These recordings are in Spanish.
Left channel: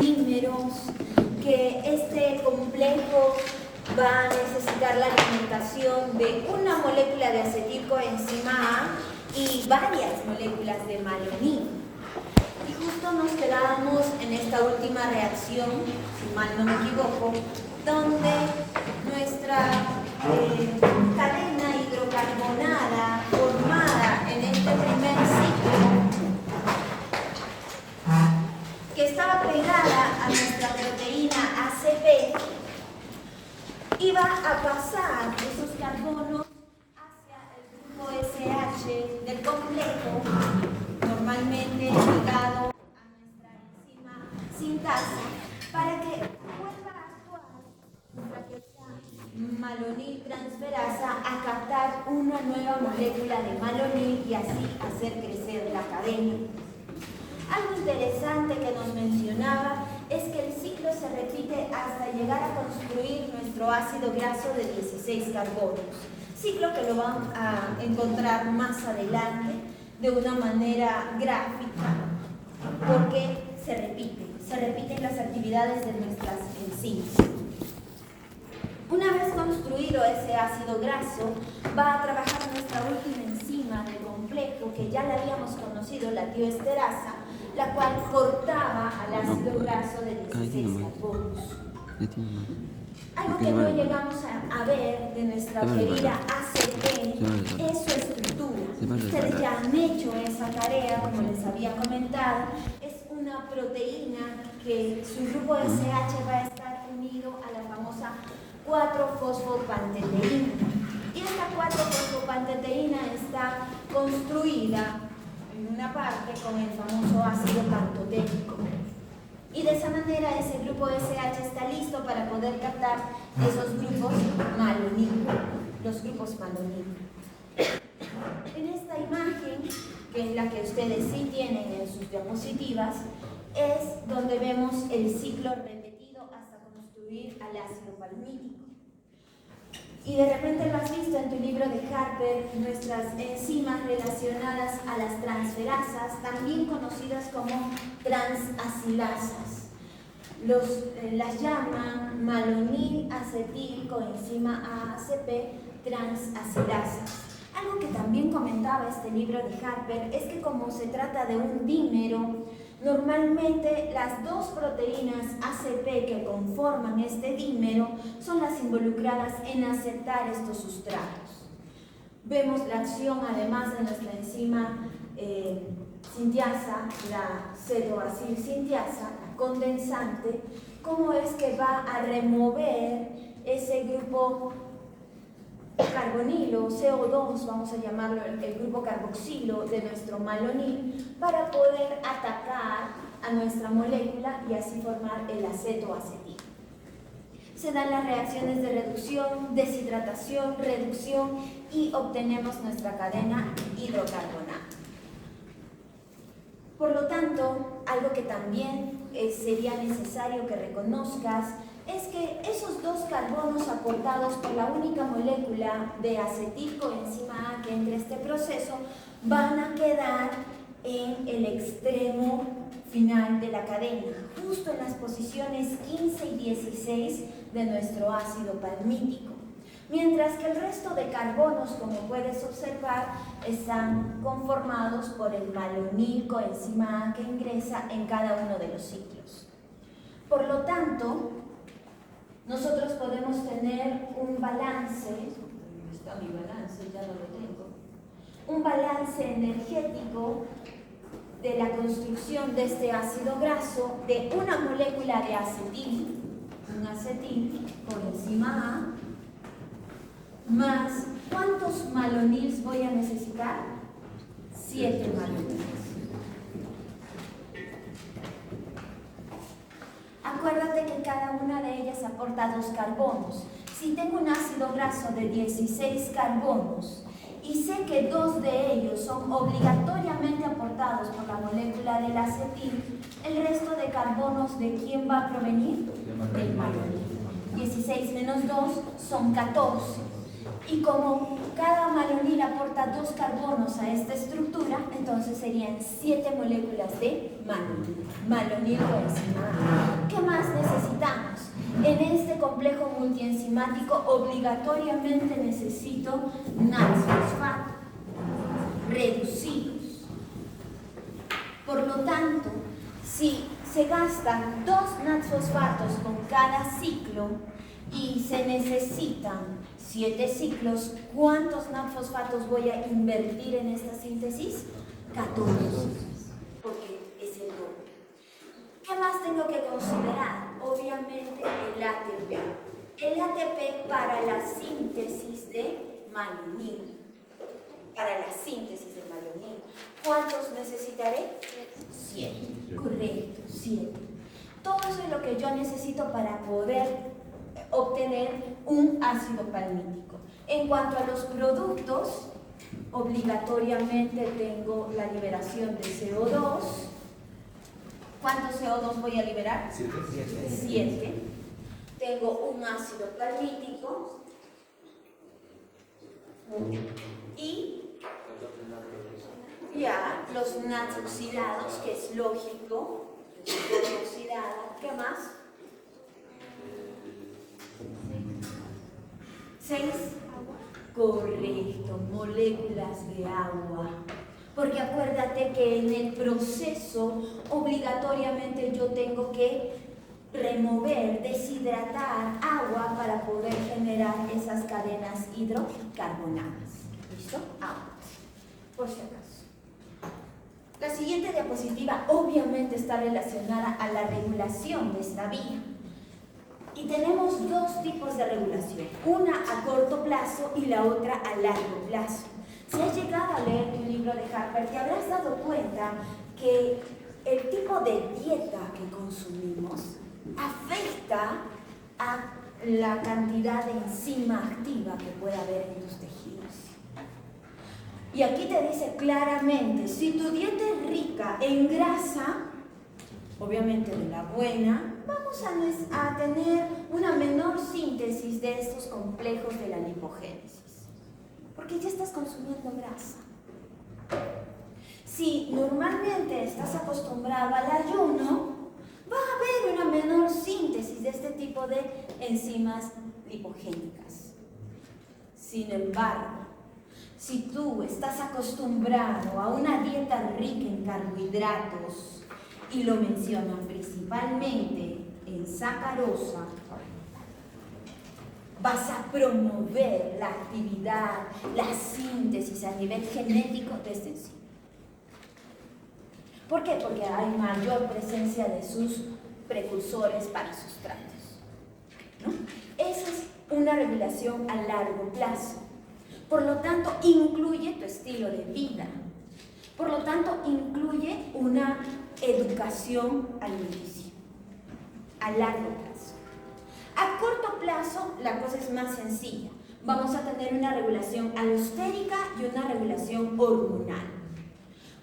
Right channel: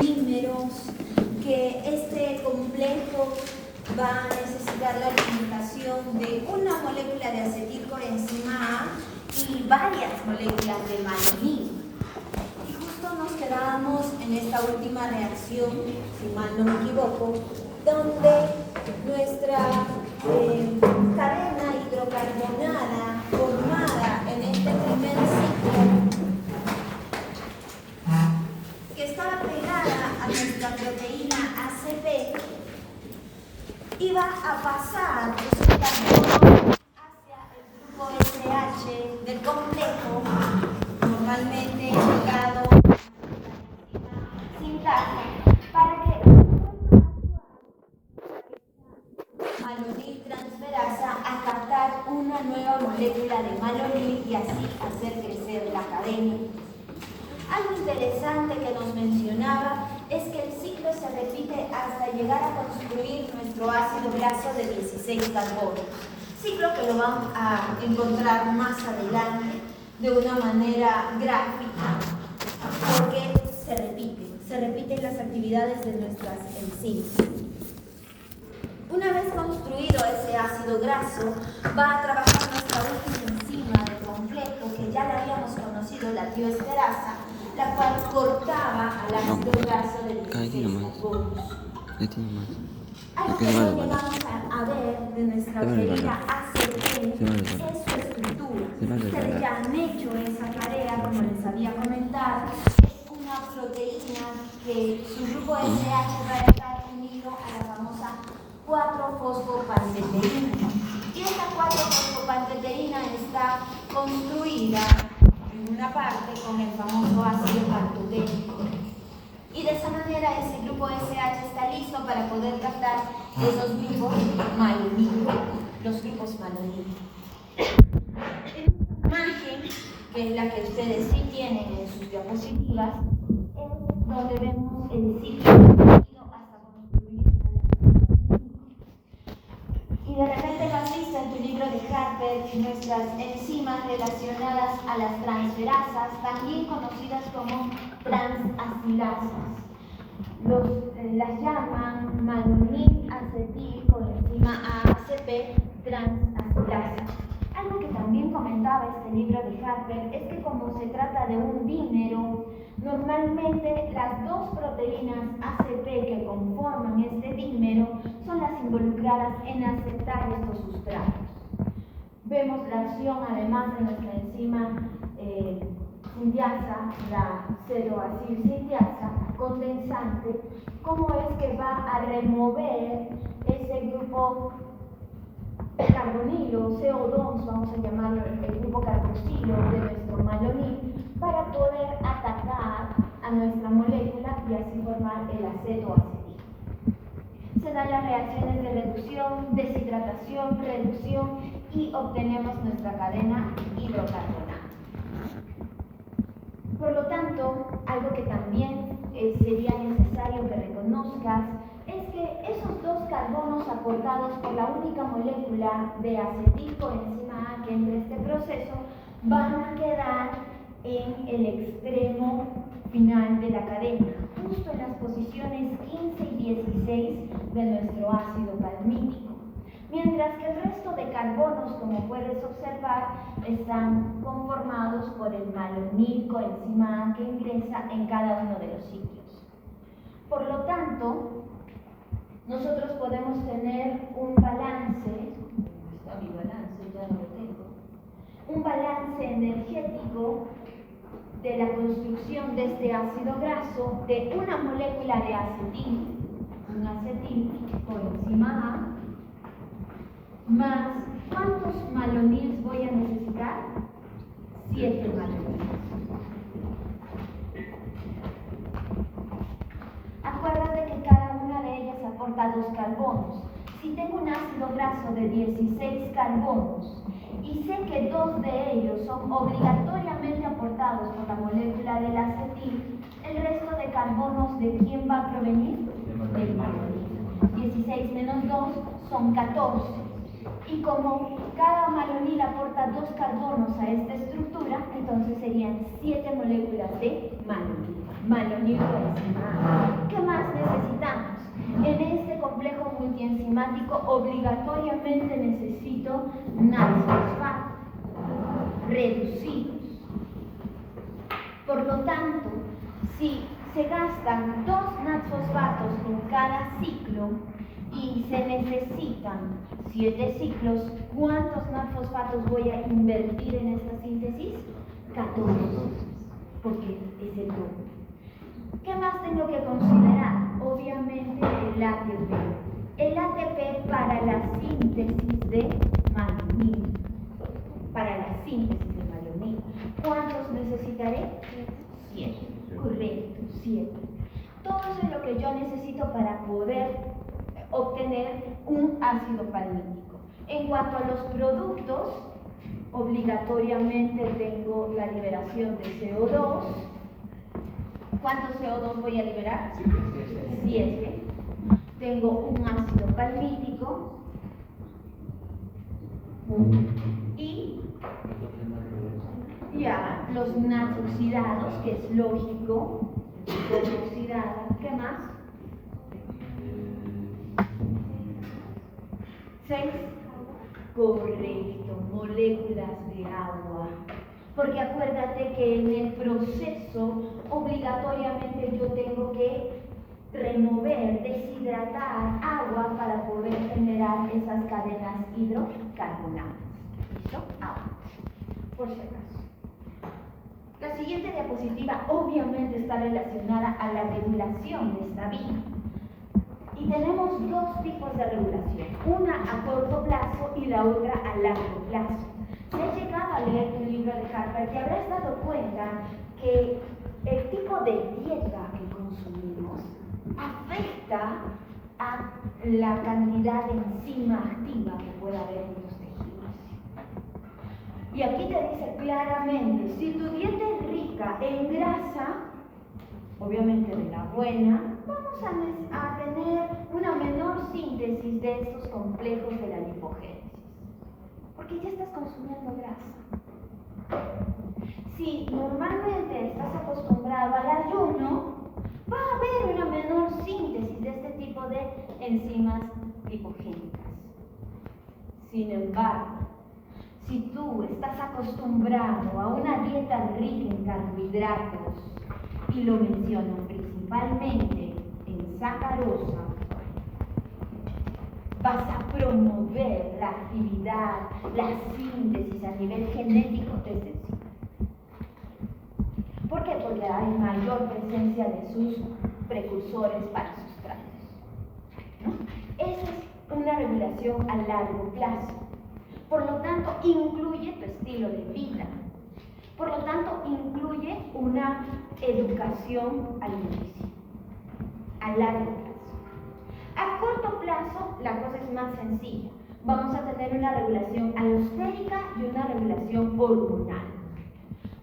Dímeros que este complejo va a necesitar la alimentación de una molécula de acetilcoenzima A y varias moléculas de malonil. Y justo nos quedábamos en esta última reacción, si mal no me equivoco, donde nuestra cadena hidrocarbonada formada en este primer ciclo, que estaba pegada a nuestra proteína ACP, iba a pasar esos carbonos hacia el grupo SH del complejo, normalmente ligado a la enzima sintasa, para que vuelva a actuar esta malonil transferasa a captar una nueva molécula de malonil y así hacer crecer la cadena. Algo interesante que nos mencionaba es que el ciclo se repite hasta llegar a construir nuestro ácido graso de 16 carbonos. Ciclo que lo van a encontrar más adelante de una manera gráfica, porque se repiten las actividades de nuestras enzimas. Una vez construido ese ácido graso, va a trabajar nuestra última enzima del complejo, que ya la habíamos conocido, la tioesterasa, la cual cortaba al ácido graso de 16 carbonos. Algo que vamos a ver de nuestra querida ACP es su estructura. Ustedes ya han hecho esa tarea, como les había comentado. Es una proteína que su grupo SH va a estar unido a la famosa 4-fosfopanteteína. Y esta 4-fosfopanteteína está construida en una parte con el famoso ácido pantoténico. Y de esa manera ese grupo SH está listo para poder captar esos grupos malonil, los grupos malonil. En esta imagen, que es la que ustedes sí tienen en sus diapositivas, es donde vemos el ciclo repetido hasta construir al ácido palmítico. Y de repente lo has visto en tu libro de Harper, nuestras enzimas relacionadas a las transferasas, también conocidas como transacilasas. Las llaman malonil acetil coenzima ACP transacilasas. Algo que también comentaba este libro de Harper es que como se trata de un dímero, normalmente las dos proteínas ACP que conforman este dímero son las involucradas en aceptar estos sustratos. Vemos la acción además de nuestra enzima sintiasa, la cetoacilsintiasa condensante, cómo es que va a remover ese grupo carbonilo, CO2, vamos a llamarlo el grupo carboxilo de nuestro malonil, para poder atacar a nuestra molécula y así formar el acetoacetil. Se dan las reacciones de reducción, deshidratación, reducción y obtenemos nuestra cadena hidrocarbonada. Por lo tanto, algo que también sería necesario que reconozcas es que esos dos carbonos aportados por la única molécula de acetilcoenzima A que entre este proceso van a quedar en el extremo final de la cadena, justo en las posiciones 15 y 16 de nuestro ácido palmítico. Mientras que el resto de carbonos, como puedes observar, están conformados por el malonil coenzima A que ingresa en cada uno de los ciclos. Por lo tanto, nosotros podemos tener un balance, está mi balance, ya no lo tengo, un balance energético de la construcción de este ácido graso de una molécula de acetil, un acetil coenzima A, más, ¿cuántos malonils voy a necesitar? 7 malonils. Acuérdate que cada una de ellas aporta 2 carbonos. Si tengo un ácido graso de 16 carbonos y sé que 2 de ellos son obligatoriamente aportados por la molécula del acetil, el resto de carbonos, ¿de quién va a provenir? Del malonil. 16 menos 2 son 14. Y como cada malonil aporta 2 carbonos a esta estructura, entonces serían 7 moléculas de malonil coenzima A. ¿Qué más necesitamos? En este complejo multienzimático obligatoriamente necesito NADS-fosfato reducidos. Por lo tanto, si se gastan 2 NADS-fosfatos con cada ciclo y se necesitan 7 ciclos, ¿cuántos NADS-fosfatos voy a invertir en esta síntesis? 14, porque es el doble. ¿Qué más tengo que considerar? Obviamente el ATP. El ATP para la síntesis de malonil. Para la síntesis de malonil. ¿Cuántos necesitaré? 7. Correcto, 7. Todo eso es lo que yo necesito para poder obtener un ácido palmítico. En cuanto a los productos, obligatoriamente tengo la liberación de CO2. ¿Cuántos CO2 voy a liberar? 7. Tengo un ácido palmítico y ya los NADS oxidados, que es lógico, oxidada. ¿Qué más? 6. Correcto, moléculas de agua. Porque acuérdate que en el proceso obligatoriamente yo tengo que remover, deshidratar agua para poder generar esas cadenas hidrocarbonadas. ¿Listo? Agua. Por si acaso. La siguiente diapositiva obviamente está relacionada a la regulación de esta vía. Y tenemos 2 tipos de regulación, una a corto plazo y la otra a largo plazo. Si has llegado a leer tu libro de Harper, te habrás dado cuenta que el tipo de dieta que consumimos afecta a la cantidad de enzima activa que puede haber en tus tejidos. Y aquí te dice claramente, si tu dieta es rica en grasa, obviamente de la buena, vamos a tener una menor síntesis de estos complejos de la lipogénesis, porque ya estás consumiendo grasa. Si normalmente estás acostumbrado al ayuno, va a haber una menor síntesis de este tipo de enzimas lipogénicas. Sin embargo, si tú estás acostumbrado a una dieta rica en carbohidratos, y lo mencionan principalmente en sacarosa, vas a promover la actividad, la síntesis a nivel genético de esta enzima. ¿Por qué? Porque hay mayor presencia de sus precursores para sustratos, ¿no? Esa es una regulación a largo plazo. Por lo tanto, incluye tu estilo de vida. Por lo tanto, incluye una educación alimenticia a largo plazo. A corto plazo, la cosa es más sencilla. Vamos a tener una regulación alostérica y una regulación hormonal.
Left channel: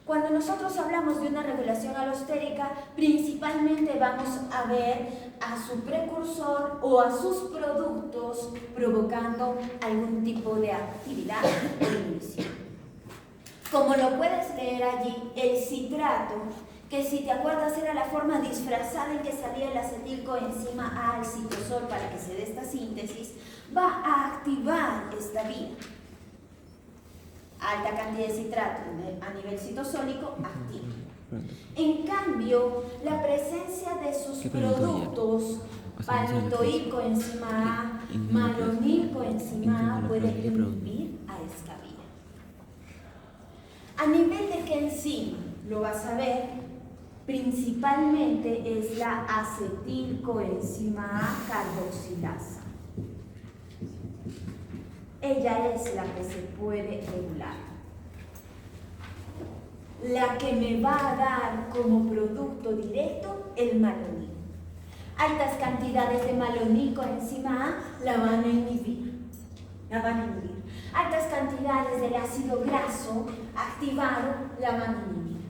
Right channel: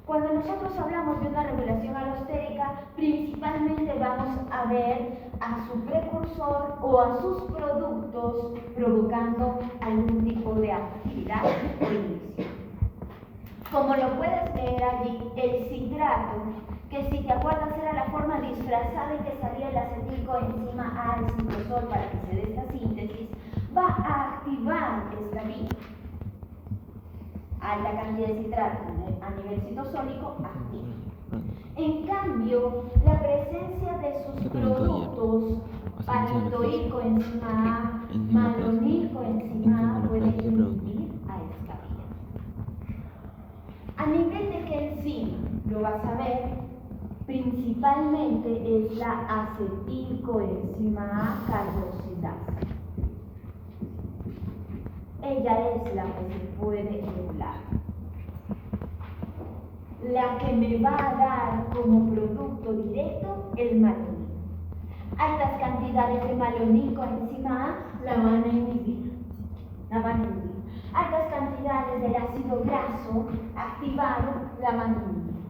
Cuando nosotros hablamos de una regulación alostérica, principalmente vamos a ver a su precursor o a sus productos provocando algún tipo de actividad o inhibición. Como lo puedes leer allí, el citrato, que si te acuerdas era la forma disfrazada en que salía el acetilcoenzima A al citosol para que se dé esta síntesis, va a activar esta vía. Alta cantidad de citrato a nivel citosólico activa. En cambio, la presencia de sus productos, palmitoilcoenzima A, malonilcoenzima A, puede inhibir a esta vía. A nivel de qué enzima, lo vas a ver, principalmente es la acetilcoenzima A carboxilasa. Ella es la que se puede regular. La que me va a dar como producto directo el malonil. Altas cantidades de malonilcoenzima A la van a inhibir. Altas cantidades del ácido graso activado la van a inhibir.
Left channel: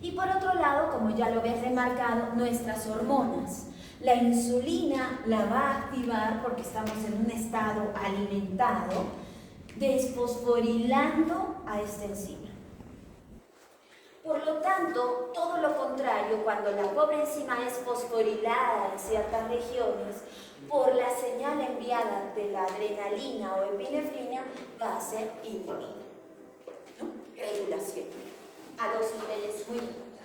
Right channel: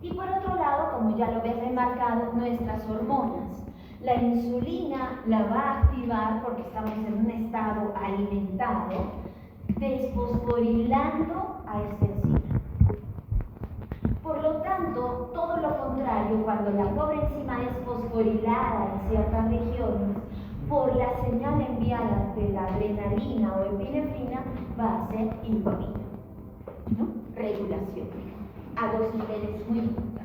Y por otro lado, como ya lo habías remarcado, nuestras hormonas. La insulina la va a activar porque estamos en un estado alimentado, desfosforilando a esta enzima. Por lo lo tanto, todo lo contrario, cuando la pobre enzima es fosforilada en ciertas regiones, por la señal enviada de la adrenalina o epinefrina, va a ser inhibida, ¿no? Regulación a dos niveles muy importantes.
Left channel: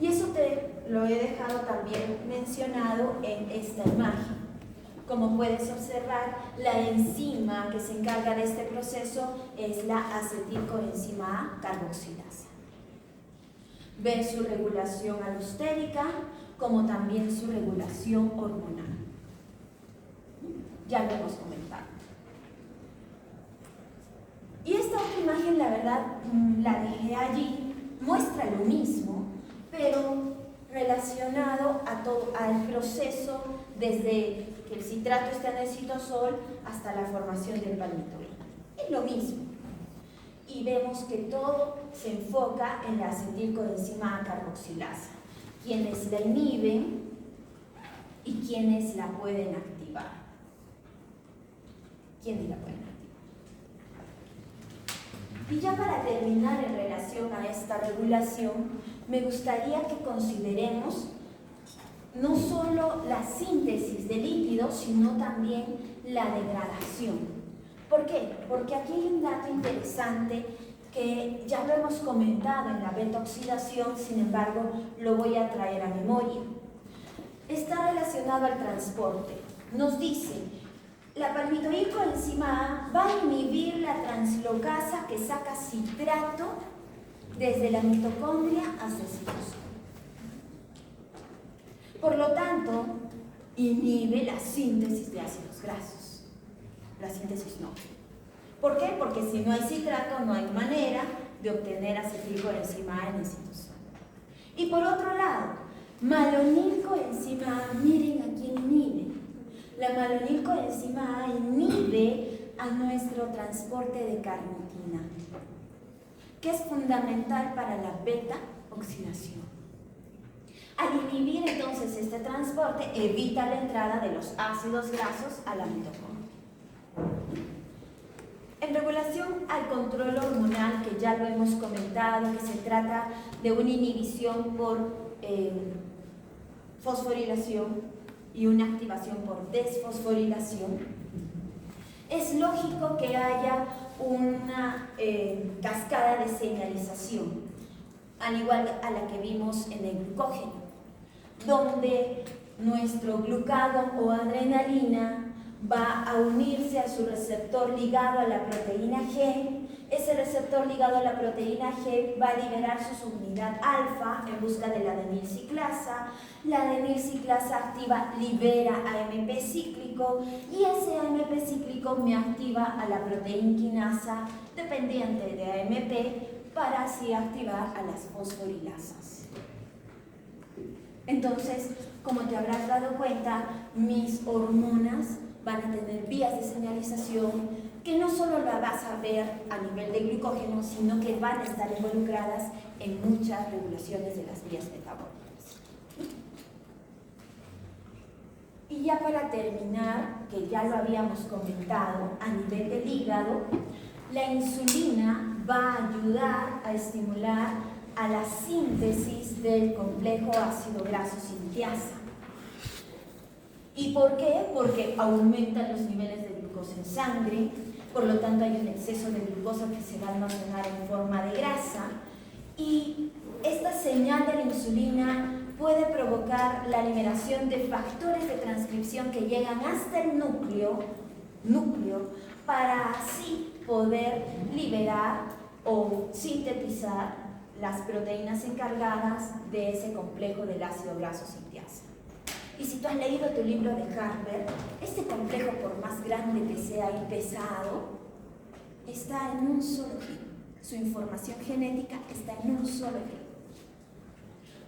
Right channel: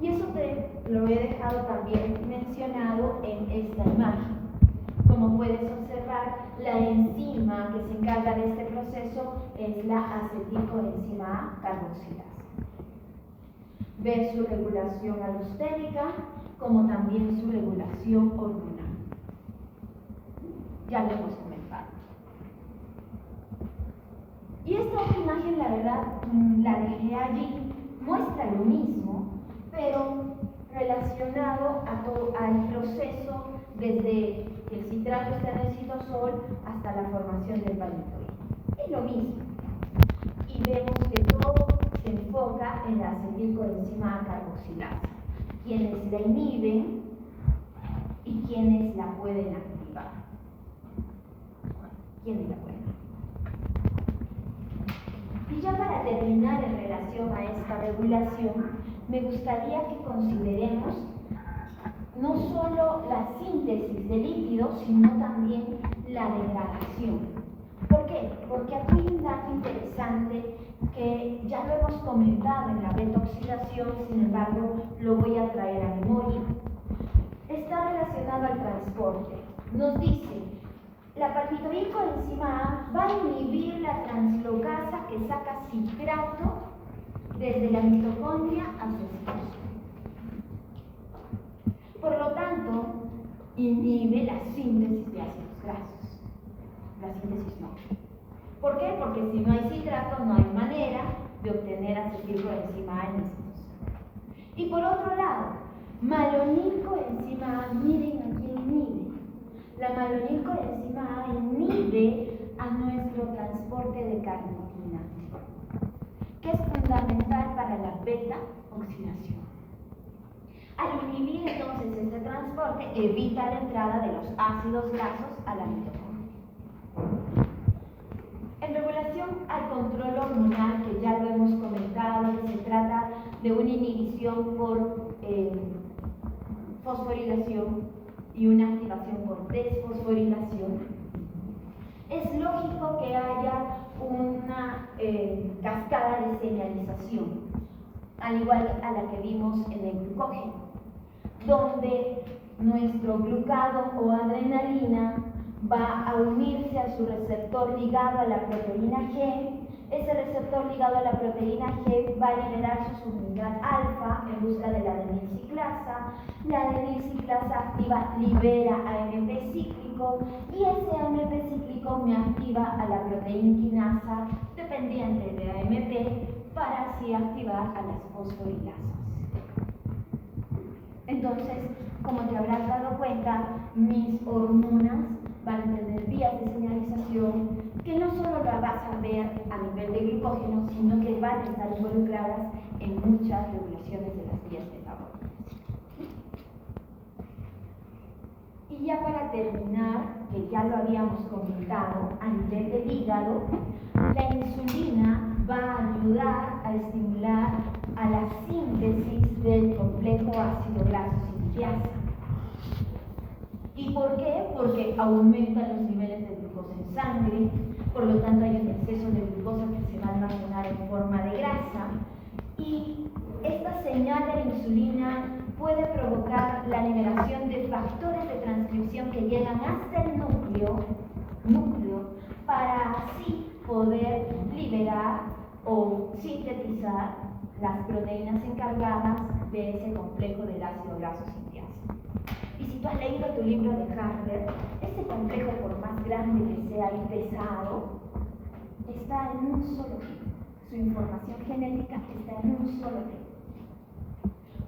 Y eso te lo he dejado también mencionado en esta imagen. Como puedes observar, la enzima que se encarga de este proceso es la acetilcoenzima A carboxilasa. Ves su regulación alostérica, como también su regulación hormonal. Ya lo hemos comentado. Y esta otra imagen, la verdad, la dejé allí, muestra lo mismo, pero relacionado al proceso desde que el citrato está en el citosol hasta la formación del palmitoide. Es lo mismo. Y vemos que todo se enfoca en la acetilcoenzima A carboxilasa, quienes la inhiben y quienes la pueden activar. ¿Quiénes la pueden activar? Y ya para terminar en relación a esta regulación, me gustaría que consideremos no solo la síntesis de lípidos, sino también la degradación. ¿Por qué? Porque aquí hay un dato interesante que ya lo hemos comentado en la beta-oxidación, sin embargo, lo voy a traer a memoria. Está relacionado al transporte. Nos dice, la palmitoilcoenzima A va a inhibir la translocasa que saca citrato desde la mitocondria hacia el citosol. Por lo tanto, inhibe la síntesis de ácidos grasos. La síntesis no. ¿Por qué? Porque si no hay citrato, no hay manera de obtener acetilcoenzima A en el citosol. Y por otro lado, malonilcoenzima A, miren a quién inhibe. La malonilcoenzima A inhibe a nuestro transporte de carnitina, que es fundamental para la beta-oxidación. Al inhibir entonces este transporte, evita la entrada de los ácidos grasos a la mitocondria. En regulación al control hormonal, que ya lo hemos comentado, que se trata de una inhibición por fosforilación y una activación por desfosforilación, es lógico que haya una cascada de señalización, al igual a la que vimos en el glucógeno, donde nuestro glucagón o adrenalina va a unirse a su receptor ligado a la proteína G. Ese receptor ligado a la proteína G va a liberar su subunidad alfa en busca de la adenilciclasa. La adenilciclasa activa libera AMP cíclico y ese AMP cíclico me activa a la proteína quinasa dependiente de AMP para así activar a las fosforilasas. Entonces, como te habrás dado cuenta, mis hormonas van a tener vías de señalización que no solo la vas a ver a nivel de glucógeno, sino que van a estar involucradas en muchas regulaciones de las vías metabólicas. Y ya para terminar, que ya lo habíamos comentado, a nivel del hígado, la insulina va a ayudar a estimular a la síntesis del complejo ácido graso sintiasa. ¿Y por qué? Porque aumentan los niveles de glucosa en sangre, por lo tanto hay un exceso de glucosa que se va a almacenar en forma de grasa, y esta señal de la insulina puede provocar la liberación de factores de transcripción que llegan hasta el núcleo para así poder liberar o sintetizar las proteínas encargadas de ese complejo del ácido graso sintiasa. Y si tú has leído tu libro de Harper, este complejo, por más grande que sea y pesado, está en un solo gen. Su información genética está en un solo gen.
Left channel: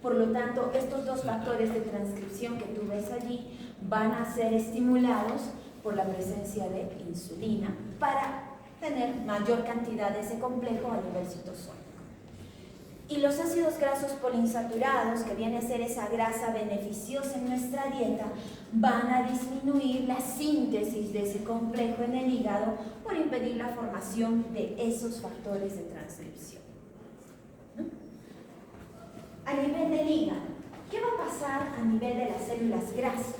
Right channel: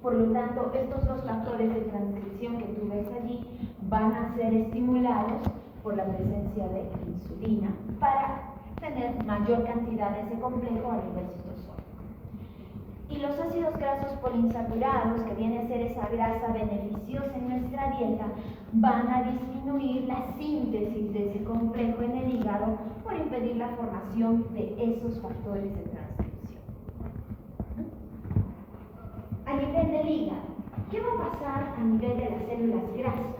Por lo tanto, estos dos factores de transcripción que tú ves allí van a ser estimulados por la presencia de insulina para tener mayor cantidad de ese complejo a nivel citosol. Y los ácidos grasos poliinsaturados, que viene a ser esa grasa beneficiosa en nuestra dieta, van a disminuir la síntesis de ese complejo en el hígado por impedir la formación de esos factores de transcripción. a nivel del hígado. ¿Qué va a pasar a nivel de las células grasas?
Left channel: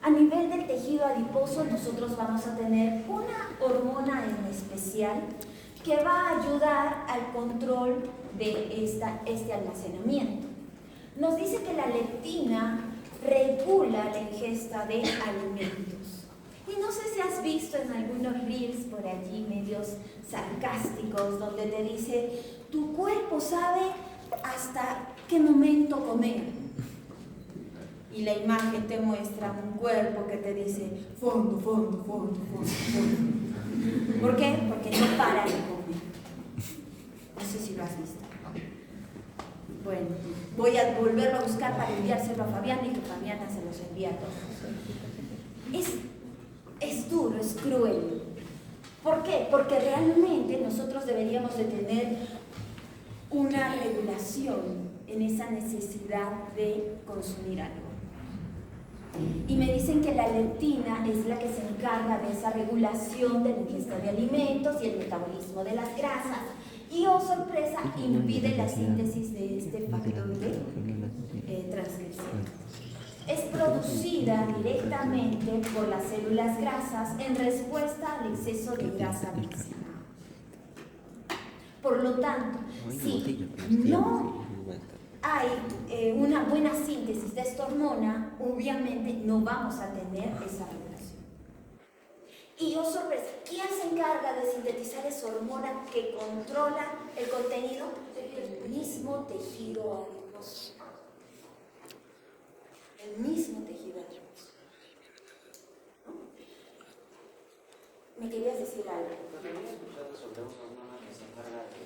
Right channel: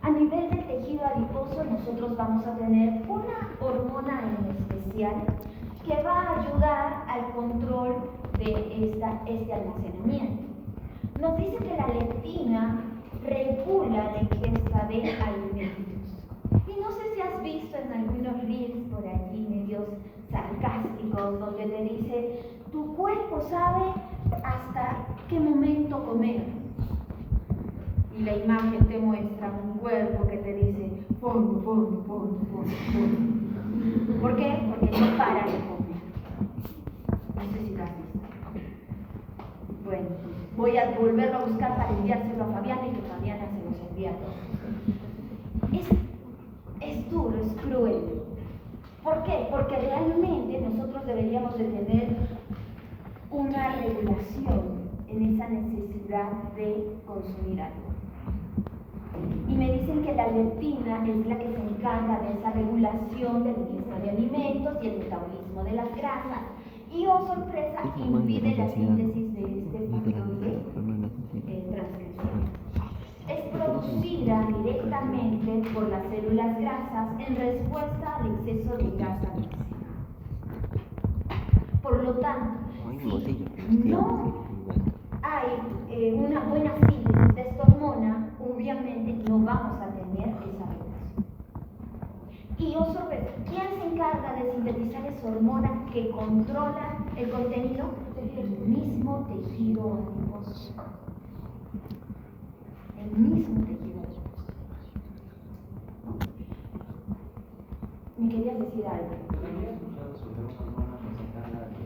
A nivel del tejido adiposo nosotros vamos a tener una hormona en especial que va a ayudar al control de este almacenamiento. Nos dice que la leptina regula la ingesta de alimentos. Y no sé si has visto en algunos reels por allí medios sarcásticos donde te dice, tu cuerpo sabe hasta qué momento comer. Y la imagen te muestra un cuerpo que te dice, fondo, fondo, fondo, fondo, fondo. ¿Por qué? Porque no para de comer. No sé si lo has visto. Bueno, voy a volverlo a buscar para enviárselo a Fabiana y que Fabiana se los envía a todos. Es duro, es cruel. ¿Por qué? Porque realmente nosotros deberíamos de tener una regulación en esa necesidad de consumir algo. Y me dicen que la leptina es la que se encarga de esa regulación de la ingesta de alimentos y el metabolismo de las grasas. Y, oh sorpresa, impide la síntesis de este factor de transcripción. Es producida directamente por las células grasas en respuesta al exceso de grasa almacenada. Por lo tanto, si no hay una buena síntesis de esta hormona, obviamente no vamos a tener esa regulación. Y, oh sorpresa, ¿quién se encarga de sintetizar esa hormona que controla el contenido? El mismo tejido adiposo. El mismo tejido adiposo. ¿Me querías decir algo? También he escuchado sobre una hormona que se encarga de,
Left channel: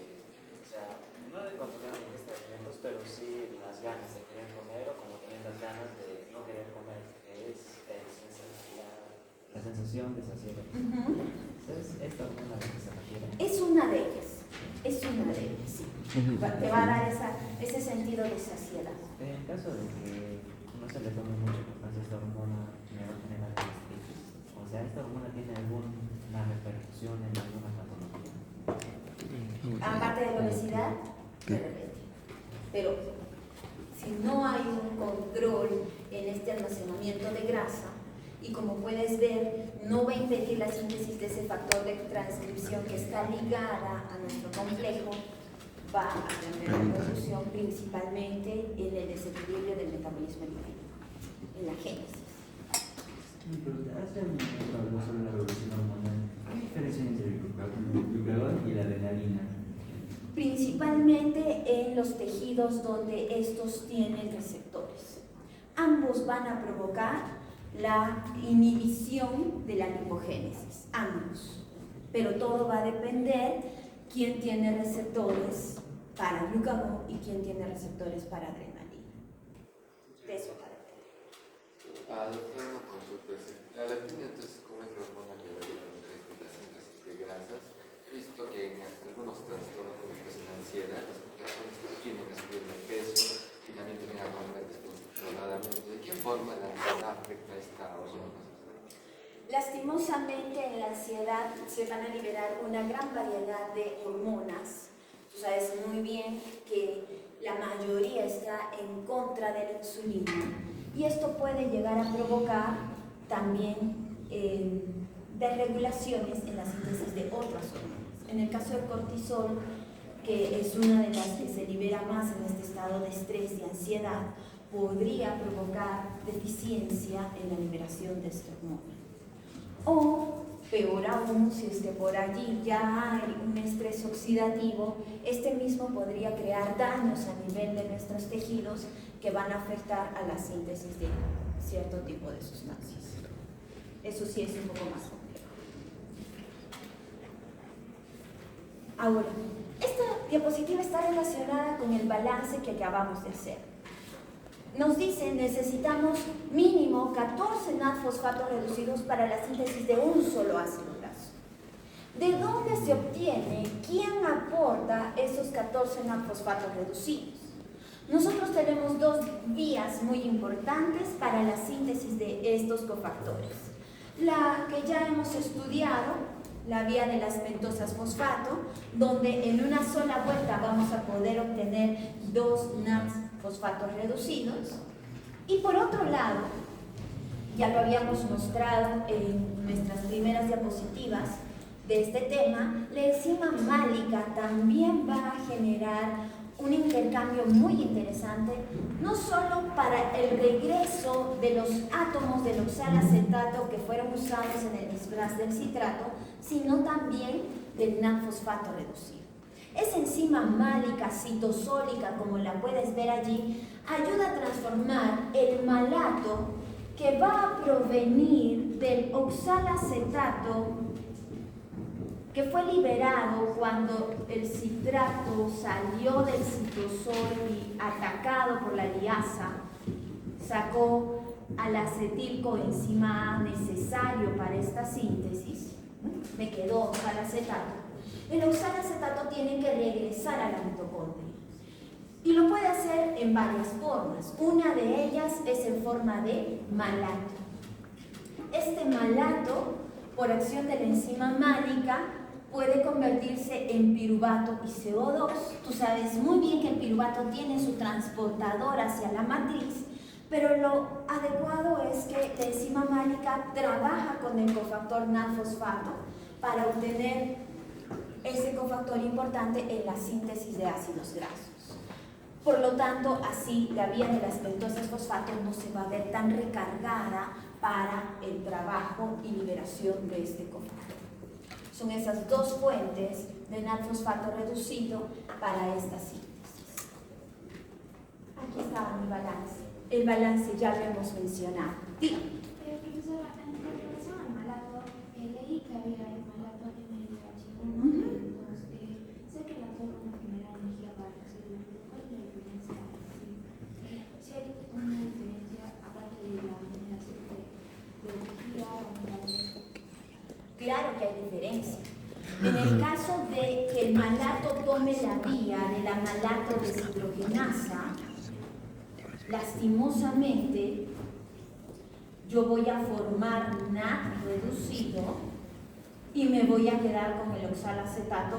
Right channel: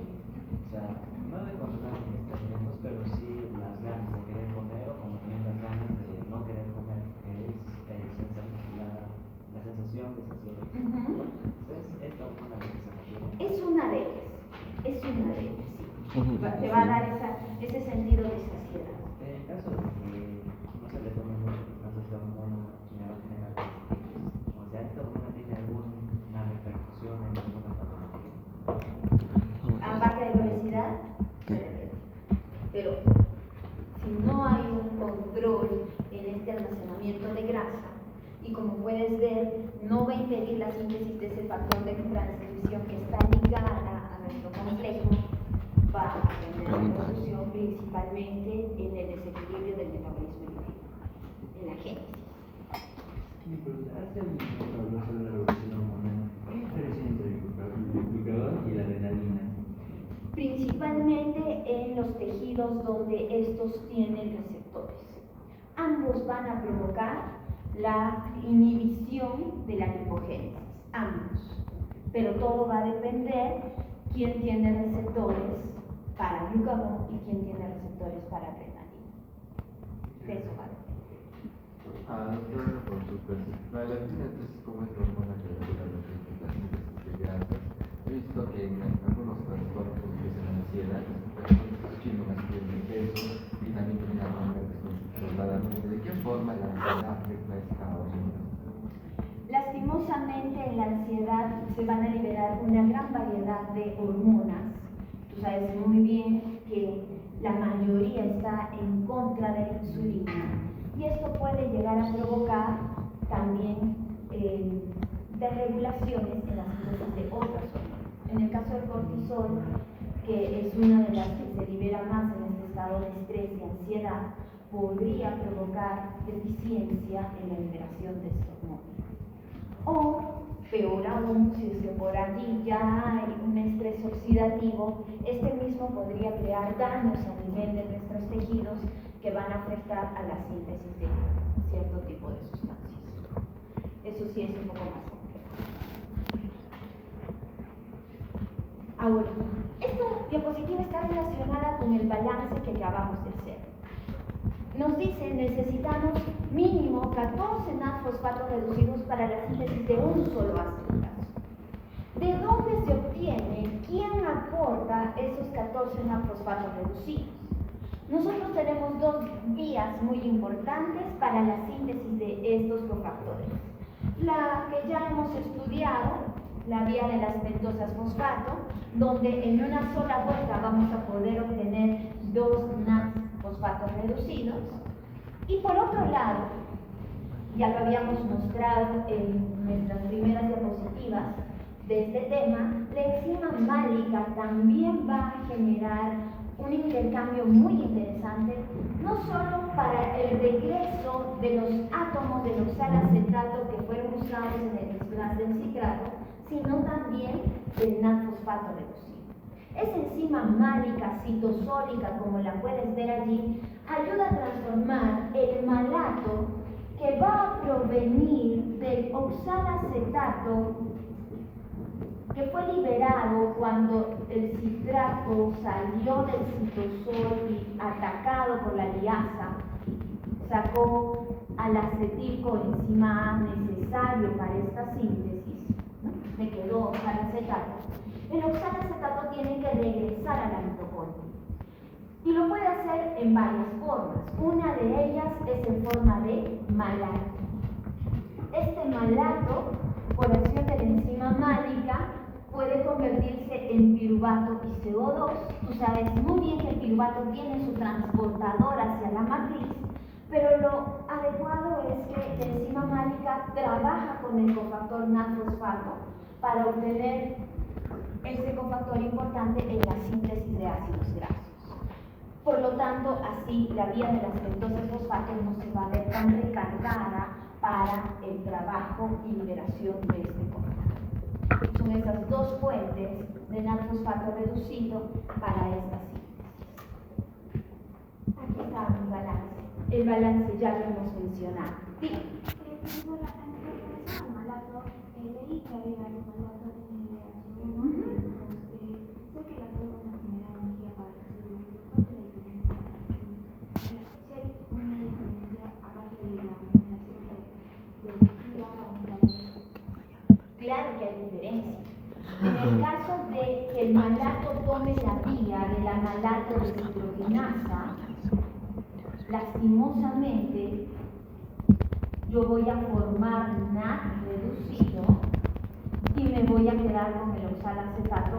o sea, no de controlar la ingesta de alimentos, pero sí las ganas de querer comer o como también las ganas de no querer comer, que es la sensación de saciedad. Entonces, esta hormona que se refiere. Es una de ellas, sí. Te va a dar ese sentido de saciedad. En el caso de que no se le tome mucho importancia a esta hormona, me va a generar o sea, esta hormona tiene alguna repercusión en alguna patología. Aparte de la obesidad, de repente. Pero si no hay un control en este almacenamiento de grasa, y como puedes ver, no va a impedir la síntesis de ese factor de transcripción que está ligada a nuestro complejo, va a cambiar la producción principalmente en el desequilibrio del metabolismo lipídico, en la génesis. Hace un momento habló sobre la revolución hormonal. ¿Qué diferencia entre el glucagón y la adrenalina? Principalmente en los tejidos donde estos tienen receptores. Ambos van a provocar la inhibición de la lipogénesis, ambos. Pero todo va a depender quién tiene receptores para glucagón y quién tiene receptores para adrenalina. De eso va a depender. Doctora, una consulta. La leptina, entonces, ¿cómo es la hormona que regula la síntesis de grasas? He visto que en algunos trastornos, como en la ansiedad, las personas tienen a subir de peso y también tienen a comer descontroladamente. ¿De qué forma la ansiedad afecta a esta hormona? Lastimosamente en la ansiedad se van a liberar una gran variedad de hormonas. Tú sabes muy bien que la mayoría está en contra de la insulina y esto puede llegar a provocar también desregulaciones en la síntesis de otras hormonas. En el caso del cortisol, que es una de las que se libera más en este estado de estrés y ansiedad, podría provocar deficiencia en la liberación de esta hormona. O, peor aún, si es que por allí ya hay un estrés oxidativo, este mismo podría crear daños a nivel de nuestros tejidos que van a afectar a la síntesis de cierto tipo de sustancias. Eso sí es un poco más complejo. Ahora, esta diapositiva está relacionada con el balance que acabamos de hacer. Nos dicen necesitamos mínimo 14 NAD-fosfatos reducidos para la síntesis de un solo ácido graso. ¿De dónde se obtiene? ¿Quién aporta esos 14 NAD-fosfatos reducidos? Nosotros tenemos dos vías muy importantes para la síntesis de estos cofactores. La que ya hemos estudiado, la vía de las pentosas fosfato, donde en una sola vuelta vamos a poder obtener 2 NADs fosfatos reducidos. Y por otro lado, ya lo habíamos mostrado en nuestras primeras diapositivas de este tema, la enzima málica también va a generar un intercambio muy interesante, no solo para el regreso de los átomos del oxalacetato que fueron usados en el desplaz del citrato, sino también del NAD-fosfato reducido. Esa enzima málica citosólica, como la puedes ver allí, ayuda a transformar el malato que va a provenir del oxalacetato que fue liberado cuando el citrato salió del citosol y atacado por la liasa, sacó al acetilcoenzima A necesario para esta síntesis, ¿no? Me quedó oxalacetato. El oxalacetato tiene que regresar a la mitocondria y lo puede hacer en varias formas. Una de ellas es en forma de malato. Este malato, por acción de la enzima málica, puede convertirse en piruvato y CO2. Tú sabes muy bien que el piruvato tiene su transportador hacia la matriz, pero lo adecuado es que la enzima málica trabaja con el cofactor NAD-fosfato para obtener ese cofactor importante en la síntesis de ácidos grasos. Por lo tanto, así la vía de las pentosas fosfato no se va a ver tan recargada para el trabajo y liberación de este cofactor. Son esas dos fuentes de NAD-fosfato reducido para esta síntesis. Aquí está mi balance. El balance ya lo hemos mencionado. Sí. Leí que había el malato NH1, sé que la toma no genera energía para el cerebro. ¿Cuál es la diferencia? Si hay una diferencia aparte de la generación de energía o un. Claro que hay diferencia. En el caso de que el malato tome la vía de la malato deshidrogenasa, lastimosamente yo voy a formar NAD reducido y me voy a quedar con el oxalacetato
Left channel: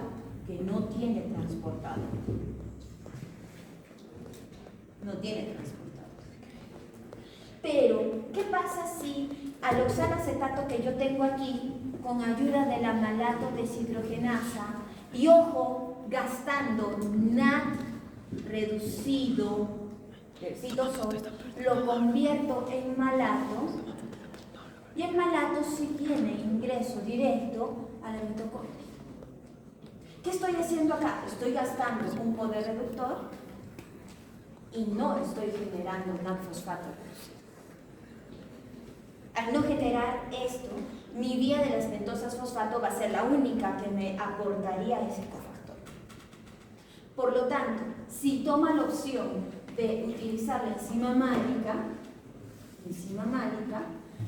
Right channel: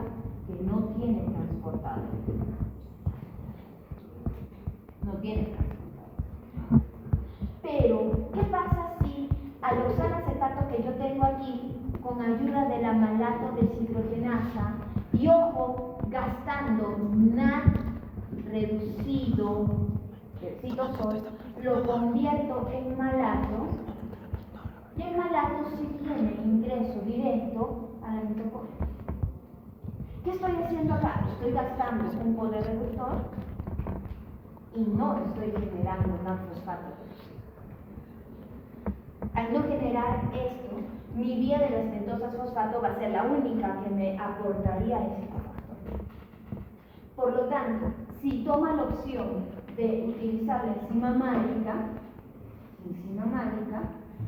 que no tiene transportador. No tiene transportador. Pero, ¿qué pasa si al oxalacetato que yo tengo aquí, con ayuda de la malato deshidrogenasa, y ojo, gastando NAD reducido del citosol, lo convierto en malato, y el malato sí tiene ingreso directo a la mitocondria? ¿Qué estoy haciendo acá? Estoy gastando un poder reductor y no estoy generando NAD-fosfato reducido. Al no generar esto, mi vía de las pentosas fosfato va a ser la única que me aportaría ese cofactor. Por lo tanto, si toma la opción de utilizar la enzima málica,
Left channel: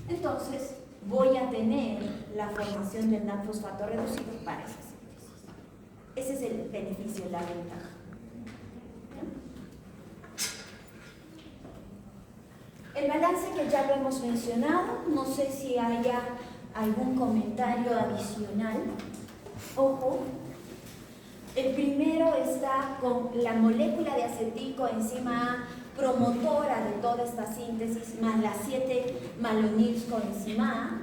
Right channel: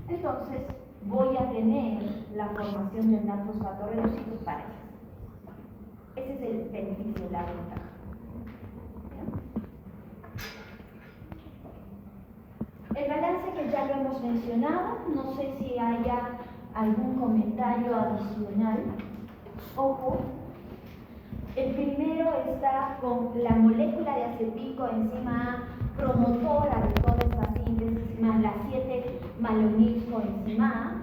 entonces voy a tener la formación del NAD-fosfato reducido para esa síntesis. Ese es el beneficio, la ventaja. El balance que ya lo hemos mencionado, no sé si haya algún comentario adicional. Ojo, el primero está con la molécula de acetilcoenzima A, promotora de toda esta síntesis, más la 7-malonilcoenzima A.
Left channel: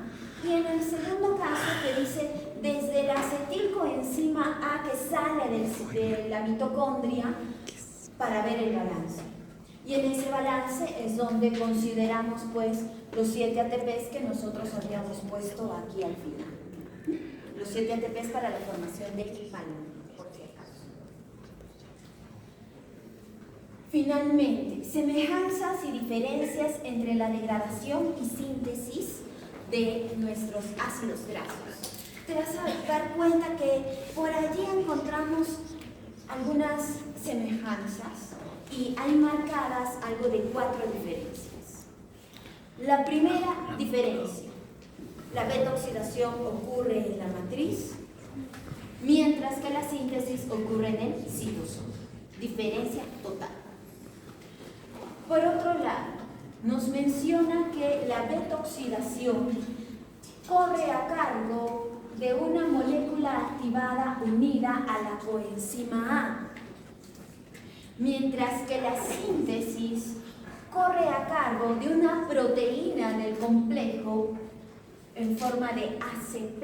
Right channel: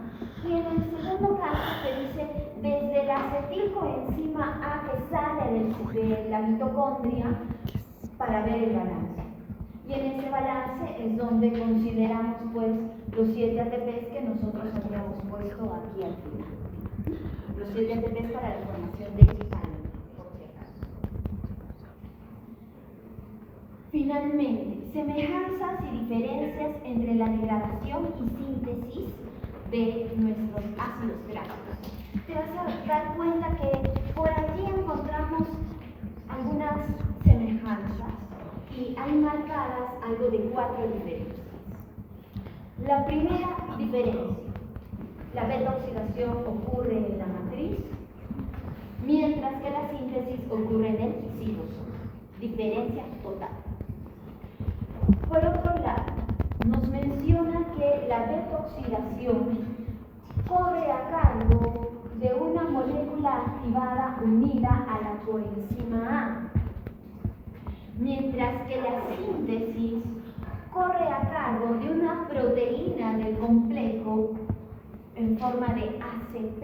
Y en el segundo caso que dice desde la acetilcoenzima A que sale de la mitocondria para ver el balance. Y en ese balance es donde consideramos pues los 7 ATPs que nosotros habíamos puesto aquí al final. Los 7 ATPs para la formación del malonil, por si acaso. Finalmente, semejanzas y diferencias entre la degradación y síntesis de nuestros ácidos grasos. Te vas a dar cuenta que por allí encontramos algunas semejanzas y hay marcadas algo de 4 diferencias. La primera diferencia, la beta-oxidación ocurre en la matriz, mientras que la síntesis ocurre en el citosol. Diferencia total. Por otro lado, nos menciona que la beta-oxidación corre a cargo de una molécula activada unida a la coenzima A. mientras que la síntesis corre a cargo de una proteína del complejo en forma de ACP,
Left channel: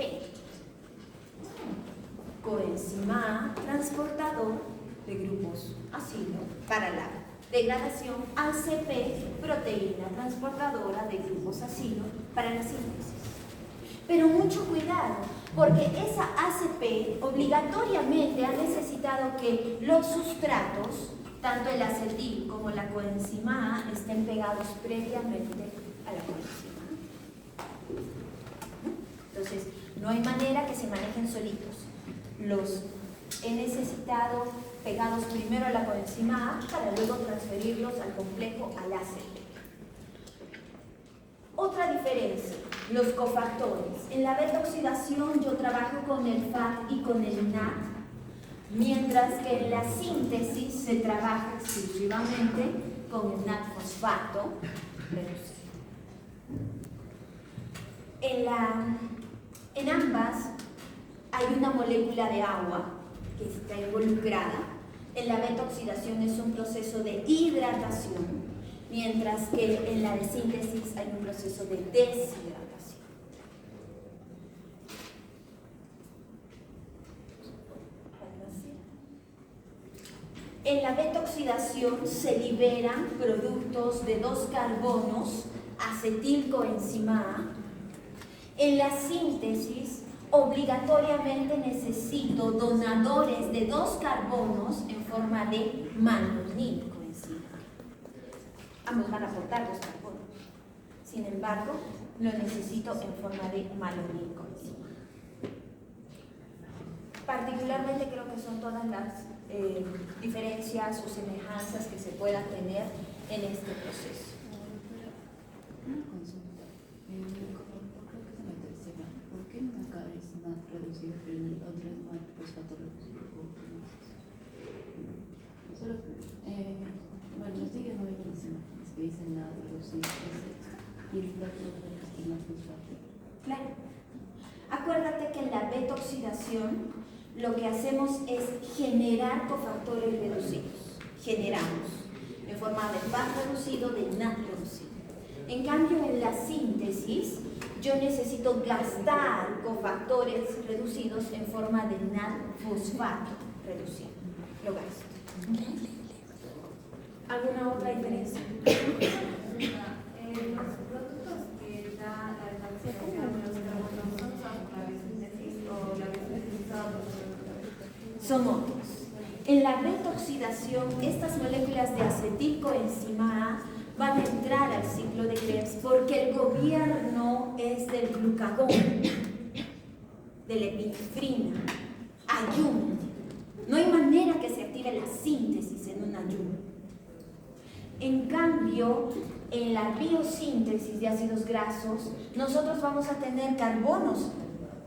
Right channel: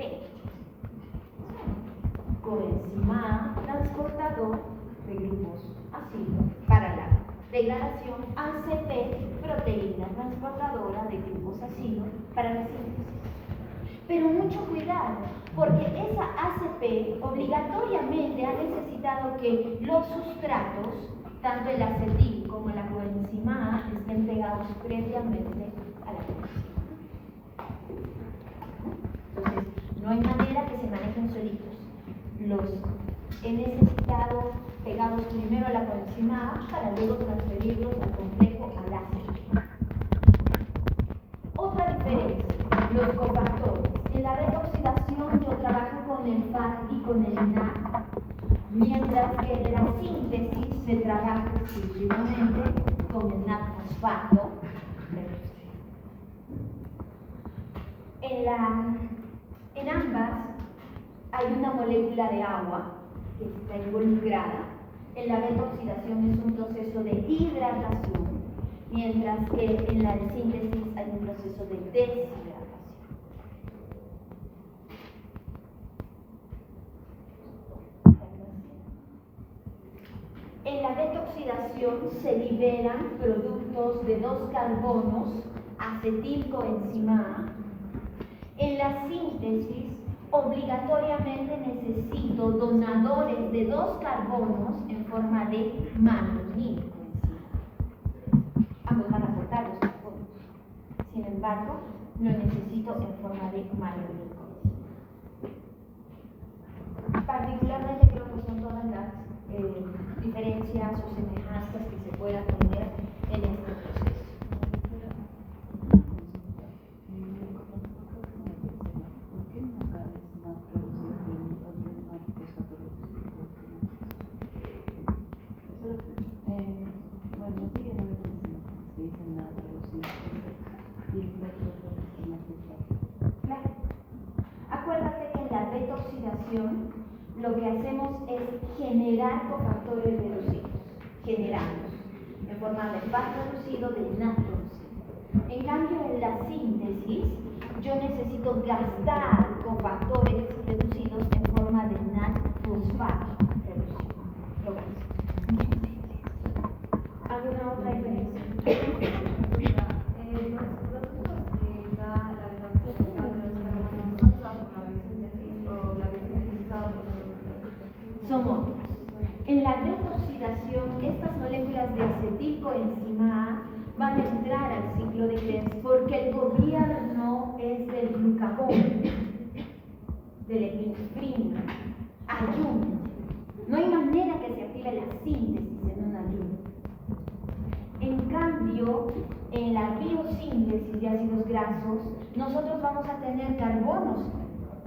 coenzima A transportador de grupos ácido para la degradación, ACP, proteína transportadora de grupos ácidos para la síntesis. Pero mucho cuidado, porque esa ACP obligatoriamente ha necesitado que los sustratos, tanto el acetil como la coenzima A, estén pegados previamente a la coenzima A. Entonces, no hay manera que se manejen solitos. Los he necesitado pegados primero a la coenzima A para luego transferirlos al complejo al ACP. Otra diferencia, los cofactores. En la beta-oxidación yo trabajo con el FAT y con el NAT, mientras que en la síntesis se trabaja exclusivamente con el NAT fosfato reducido. En ambas hay una molécula de agua que está involucrada. En la beta-oxidación es un proceso de hidratación, mientras que en la de síntesis hay un proceso de deshidratación. En la beta-oxidación se liberan productos de 2 carbonos, acetilcoenzima A. En la síntesis, obligatoriamente necesito donadores de 2 carbonos en forma de malonilcoenzima A. Ambos van a aportar 2 carbonos. Sin embargo, lo necesito en forma de malonilcoenzima A. Particularmente creo que son todas las diferencias o semejanzas que se puedan tener en este proceso. Una consulta. ¿Por qué en acá es más reducido que en el otro es más fosfato reducido? Bueno, estoy que no veo por encima, es que dicen la reducida y el otro es más fosfato. Claro. Acuérdate que en la beta-oxidación lo que hacemos es generar cofactores reducidos. Generamos en forma de FAT reducido, de NAT reducido. En cambio, en la síntesis, yo necesito gastar cofactores reducidos en forma de NAT fosfato reducido. Lo gasto. ¿Alguna otra diferencia? Los productos que da la beta-oxidación son otros. En la beta-oxidación, estas moléculas de acetilcoenzima A van a entrar al ciclo de Krebs porque el gobierno es del glucagón, de la epinefrina, ayuno. No hay manera que se active la síntesis en un ayuno. En cambio, en la biosíntesis de ácidos grasos, nosotros vamos a tener carbonos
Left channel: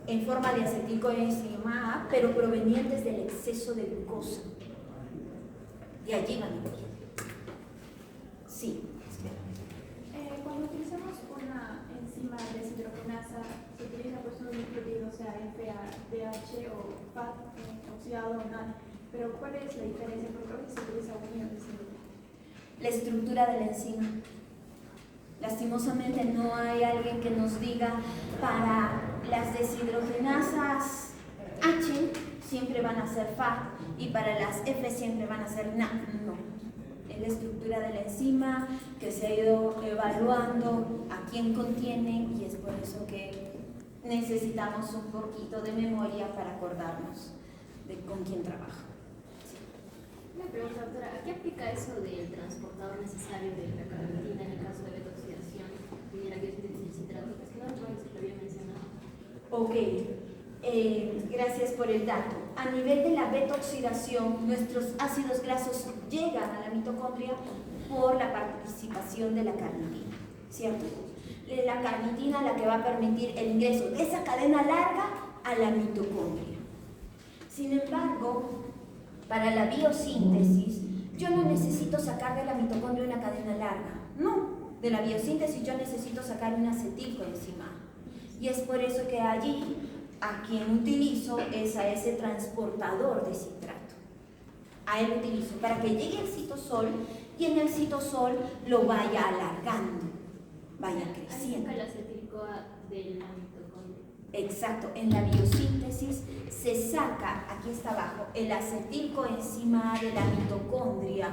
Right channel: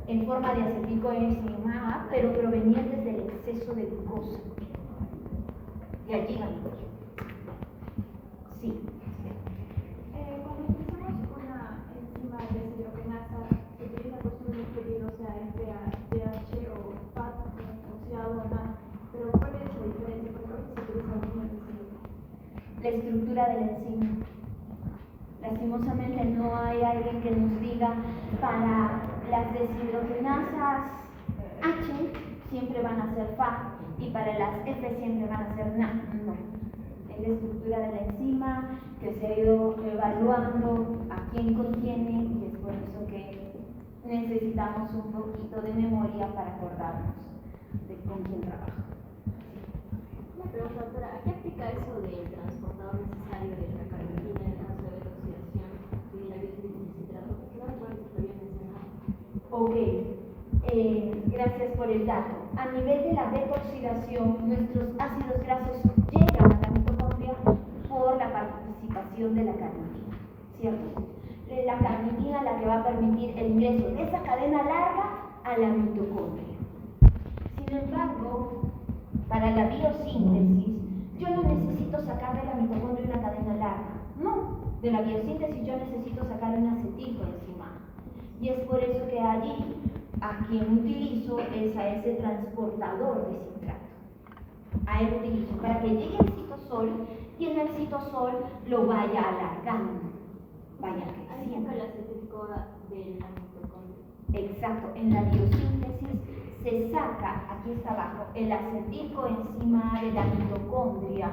en forma de acetilcoenzima A, pero provenientes del exceso de glucosa. De allí van a ir. Sí, espera. Cuando utilizamos una enzima deshidrogenasa, se utiliza pues un nucleótido, o sea, FADH o FAT oxidado o NAD. Pero ¿cuál es la diferencia? Porque a veces se utiliza un deshidrogenasa. La estructura de la enzima. Lastimosamente no hay alguien que nos diga para las deshidrogenasas H siempre van a ser FAT y para las F siempre van a ser NAD. No. Es la estructura de la enzima que se ha ido evaluando a quién contiene y es por eso que necesitamos un poquito de memoria para acordarnos de con quién trabaja. Una pregunta, doctora, ¿a qué aplica eso del transportador necesario de la carnitina en el caso de beta-oxidación y de la biosíntesis de citrato? Es que no recuerdo si lo había mencionado. Ok, gracias por el dato. A nivel de la beta-oxidación, nuestros ácidos grasos llegan a la mitocondria por la participación de la carnitina, ¿cierto? La carnitina la que va a permitir el ingreso de esa cadena larga a la mitocondria. Sin embargo, para la biosíntesis, yo no necesito sacar de la mitocondria una cadena larga. No, de la biosíntesis yo necesito sacar un acetilcoenzima A. Y es por eso que allí a quien utilizo es a ese transportador de citrato. A él utilizo para que llegue al citosol y en el citosol lo vaya alargando, vaya creciendo. Ahí saca el acetil-CoA de la mitocondria. Exacto, en la biosíntesis se saca, aquí está abajo, el acetilcoenzima A de la mitocondria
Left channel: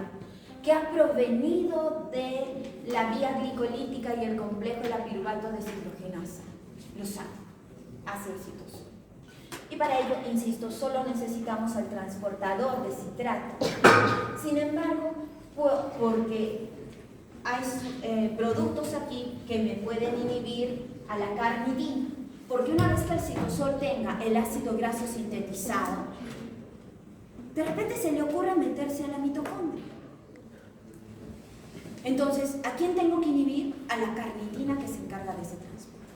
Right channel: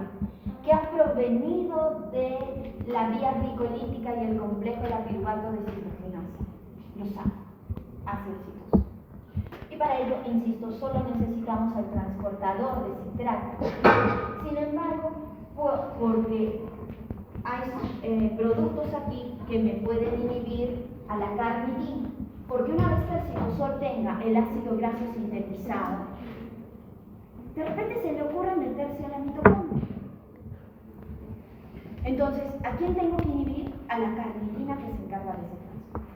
que ha provenido de la vía glicolítica y el complejo de la piruvato deshidrogenasa. Lo saca hacia el citosol. Y para ello, insisto, solo necesitamos al transportador de citrato. Sin embargo, porque hay productos aquí que me pueden inhibir a la carnidina, porque una vez que el citosol tenga el ácido graso sintetizado, de repente se le ocurre meterse a la mitocondria. Entonces, ¿a quién tengo que inhibir? A la carnitina que se encarga de ese transporte,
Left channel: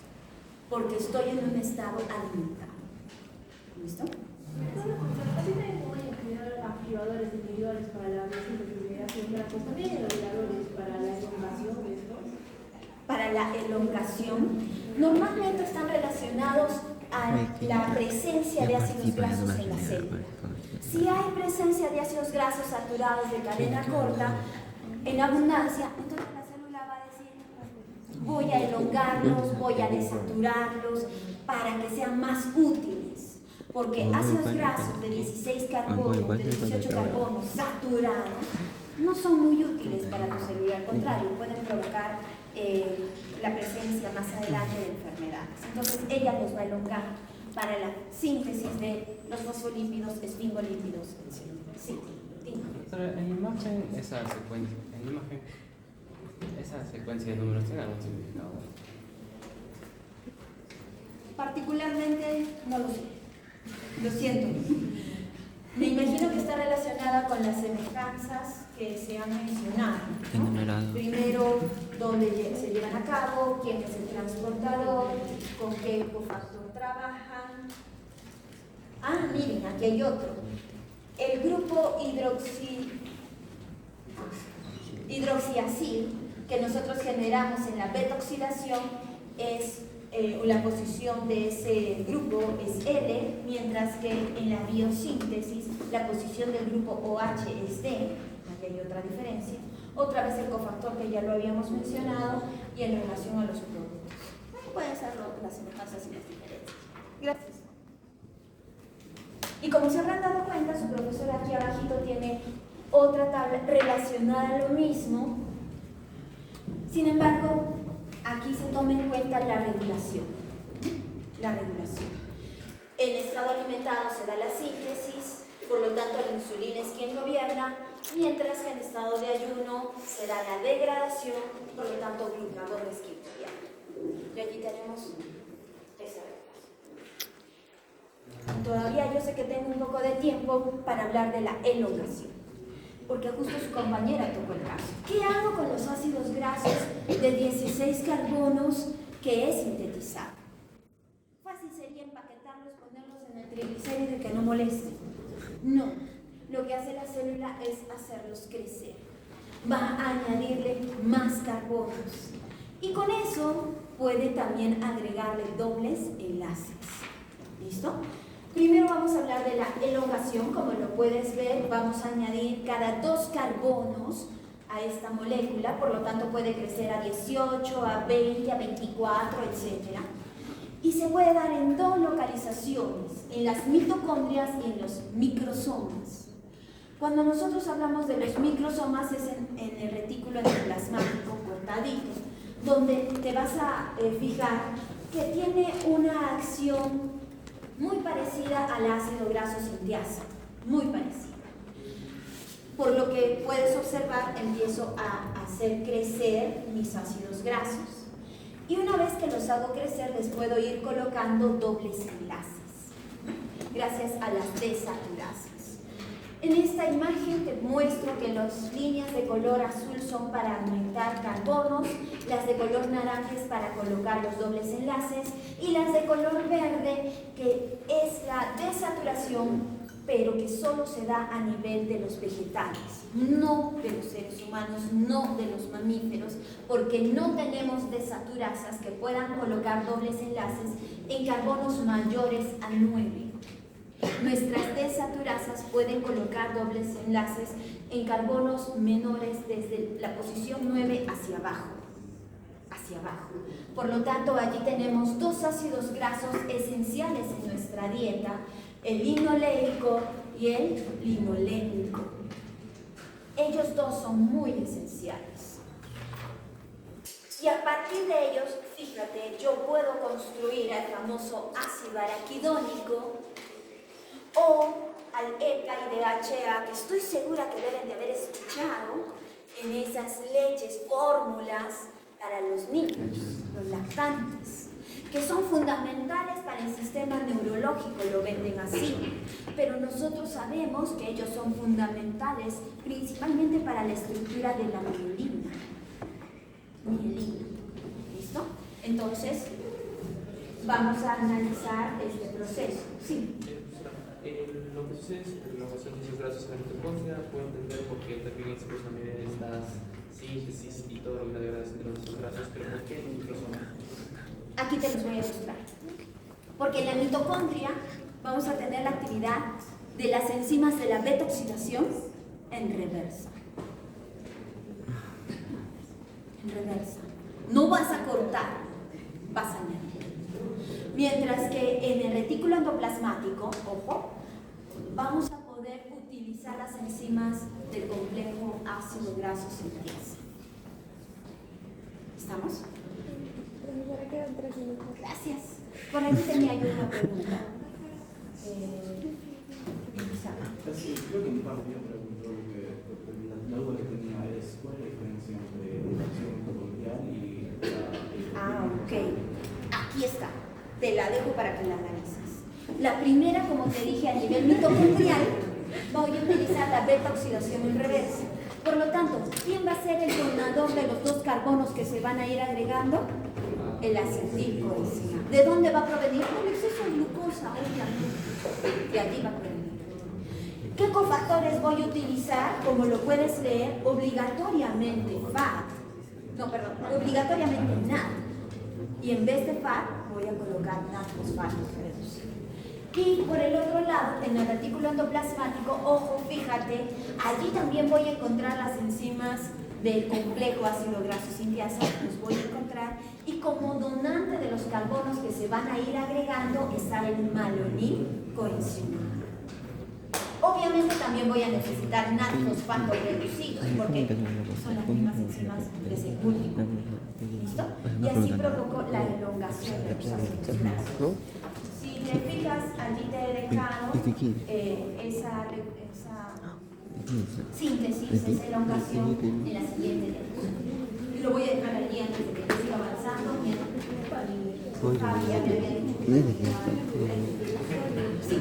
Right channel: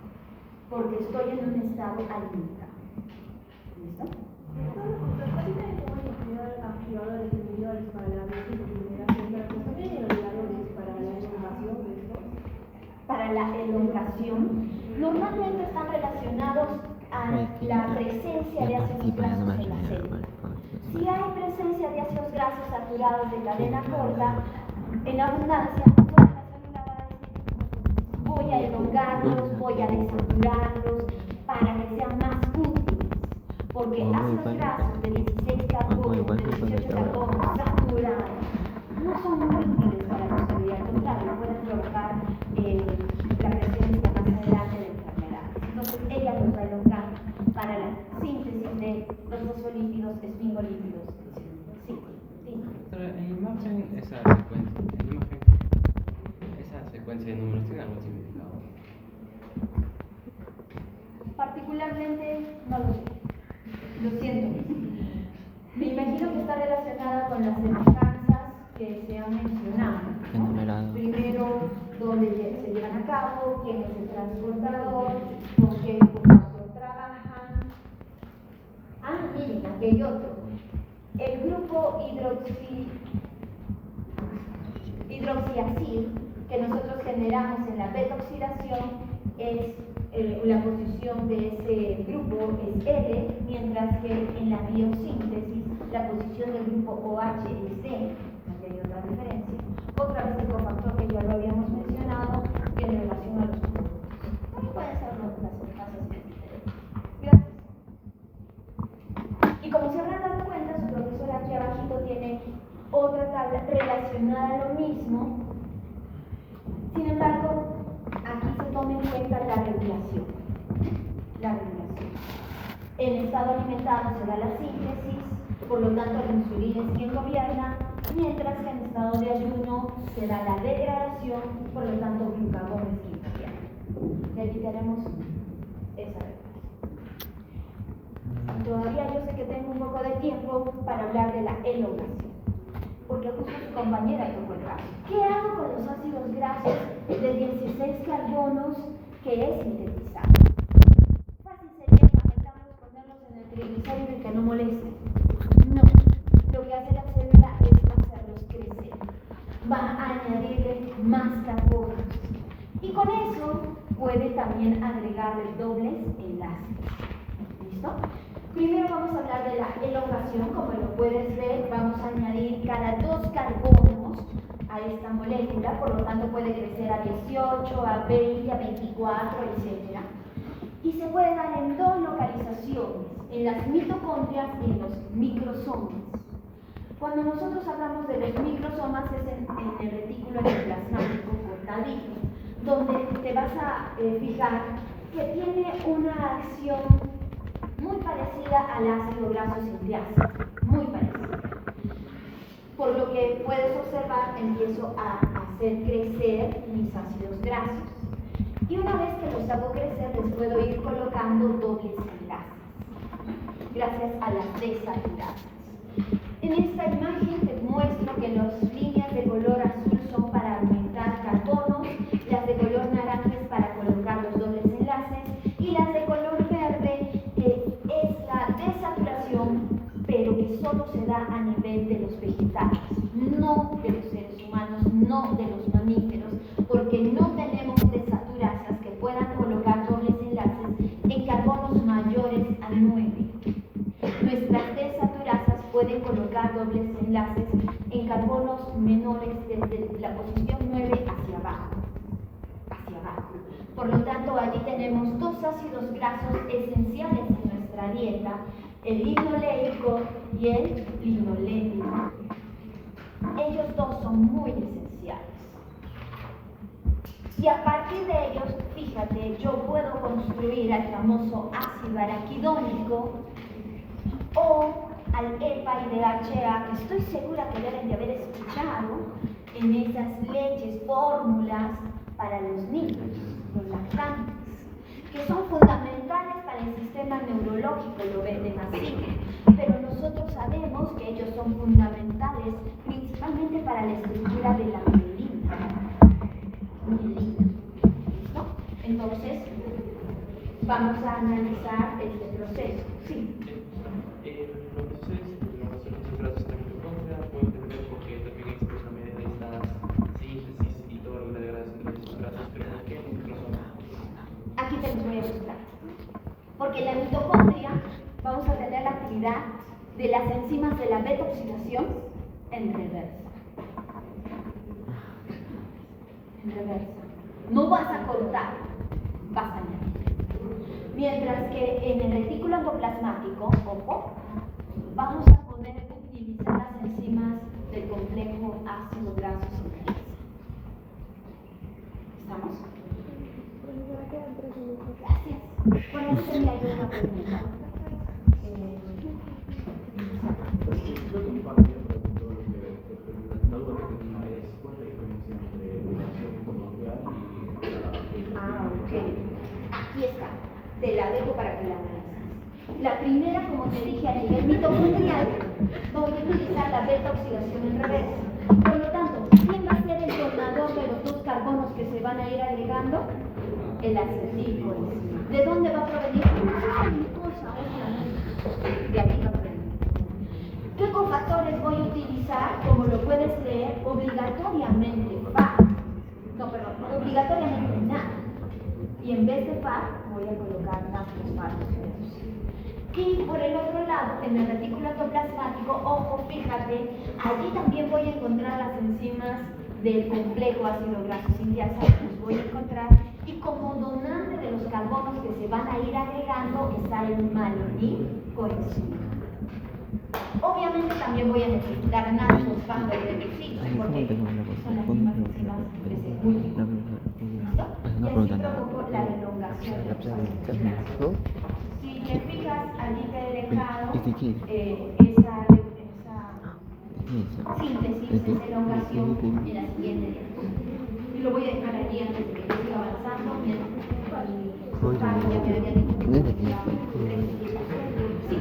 porque estoy en un estado alimentado. ¿Listo? Así también pueden generar activadores individuales para la biosíntesis de grasas, también elongadores para la elongación de estos. Para la elongación, normalmente están relacionados a la presencia de ácidos grasos en la célula. Si hay presencia de ácidos grasos saturados de cadena corta en abundancia, entonces la célula va a decir: voy a elongarlos, voy a desaturarlos para que sean más útiles. Porque ácidos grasos de 16 carbonos, de 18 carbonos saturados, no son muy útiles para la célula, al contrario, pueden provocar la presencia más adelante de enfermedades. Entonces, ella los va a elongar para la síntesis de los fosfolípidos, esfingolípidos, etc. Sí, dime. Pero en la imagen, esa secuencia de números tiene algún significado. Particularmente, no lo sé. Lo siento. Me imagino que está relacionada con las semejanzas que se han mencionado, ¿no? Primero, dónde se llevan a cabo, quién es el transportador, con qué cofactor trabajan. Ah, miren, aquí hay otro. El grupo hidroxiacil que nosotros generamos en la beta-oxidación es la posición de ese grupo es L, mientras que en la biosíntesis la posición del grupo OH es D. Aquí hay otra diferencia. Otra vez el cofactor que ya lo habíamos mencionado y en relación a los productos. Pueden ser las semejanzas y las diferencias. Gracias. Y como se habrán dado cuenta, su profesor aquí abajito tiene otra tabla relacionada a lo mismo. Sin embargo, aquí se toma en cuenta la regulación. La regulación. En estado alimentado se da la síntesis, por lo tanto la insulina es quien gobierna, mientras que en estado de ayuno se da la degradación, por lo tanto glucagón es quien gobierna. Y aquí tenemos esa regulación. Todavía yo sé que tengo un poco de tiempo para hablar de la elongación, porque justo su compañera tocó el caso. ¿Qué hago con los ácidos grasos de 16 carbonos que he sintetizado? Fácil sería empaquetarlos, ponerlos en el triglicérido y que no molesten. No, lo que hace la célula es hacerlos crecer. Va a añadirle más carbonos. Y con eso puede también agregarle dobles enlaces. ¿Listo? Primero vamos a hablar de la elongación. Como lo puedes ver, vamos a añadir cada 2 carbonos a esta molécula, por lo tanto puede crecer a 18, a 20, a 24, etc. Y se puede dar en 2 localizaciones, en las mitocondrias y en los microsomas. Cuando nosotros hablamos de los microsomas es en el retículo endoplasmático cortadito, donde te vas a fijar que tiene una acción muy parecida al ácido graso sintiácido, muy parecida. Por lo que puedes observar, empiezo a hacer crecer mis ácidos grasos. Y una vez que los hago crecer, les puedo ir colocando dobles enlaces, gracias a las desaturasas. En esta imagen te muestro que las líneas de color azul son para aumentar carbonos, las de color naranja es para colocar los dobles enlaces y las de color verde que es la desaturación, pero que solo se da a nivel de los vegetales, no de los seres humanos, no de los mamíferos, porque no tenemos desaturasas que puedan colocar dobles enlaces en carbonos mayores a 9. Nuestras desaturasas pueden colocar dobles enlaces en carbonos menores desde la posición 9 hacia abajo. Por lo tanto, allí tenemos dos ácidos grasos esenciales en nuestra dieta, el linoleico y el linolénico. Ellos dos son muy esenciales. Y a partir de ellos, fíjate, yo puedo construir al famoso ácido araquidónico o al EPA y DHA, que estoy segura que deben de haber escuchado en esas leches, fórmulas para los niños, los lactantes, que son fundamentales para el sistema neurológico, lo venden así, pero nosotros sabemos que ellos son fundamentales principalmente para la estructura de la mielina. ¿Listo? Entonces, vamos a analizar este proceso. Sí. Lo que sucede es que la relación de esos grasos en la mitocondria puede entender por qué requieren la medida de estas síntesis y todo lo que la degradación de esos grasos, pero ¿por qué en microsomas? Aquí te los voy a mostrar. Porque en la mitocondria vamos a tener la actividad de las enzimas de la beta oxidación en reversa. En reversa. No vas a cortar, vas a añadir. Mientras que en el retículo endoplasmático, ojo, vamos a poder utilizar las enzimas del complejo ácido graso sintiasa. ¿Estamos? Profesora, quedan 3 minutos. Gracias. Por ahí tenía yo una pregunta. Creo que mi parte ya preguntó la duda que tenía es cuál es la diferencia entre la acción mitocondrial y la... Ok. Aquí está. Te la dejo para que la analices. La primera, como te dije, a nivel mitocondrial, voy a utilizar la beta oxidación en reversa. Por lo tanto, ¿quién va a ser el donador de los dos carbonos que se van a ir agregando? El acetilcoenzima. ¿De dónde va a provenir? Pues esa glucosa, obviamente. De aquí va a provenir. ¿Qué cofactores voy a utilizar? Como lo puedes leer, obligatoriamente FAT. No, perdón, obligatoriamente NAT. Y en vez de FAT, voy a colocar NAT-fosfatos reducidos. Y por el otro lado, en el retículo endoplasmático, ojo, fíjate, allí también voy a encontrar las enzimas del complejo ácido graso sintiasa, los voy a encontrar, y como donante de los carbonos que se van a ir agregando está el malonil coenzima. Obviamente también voy a necesitar NAT-fosfatos reducidos, porque son las mismas enzimas que se cultivan. ¿Listo? Y así provoco la elongación de los ácidos grasos. Si te fijas, allí te he dejado esa síntesis, esa elongación y la siguiente. Y lo voy a dejar allí antes de que siga avanzando. Sí.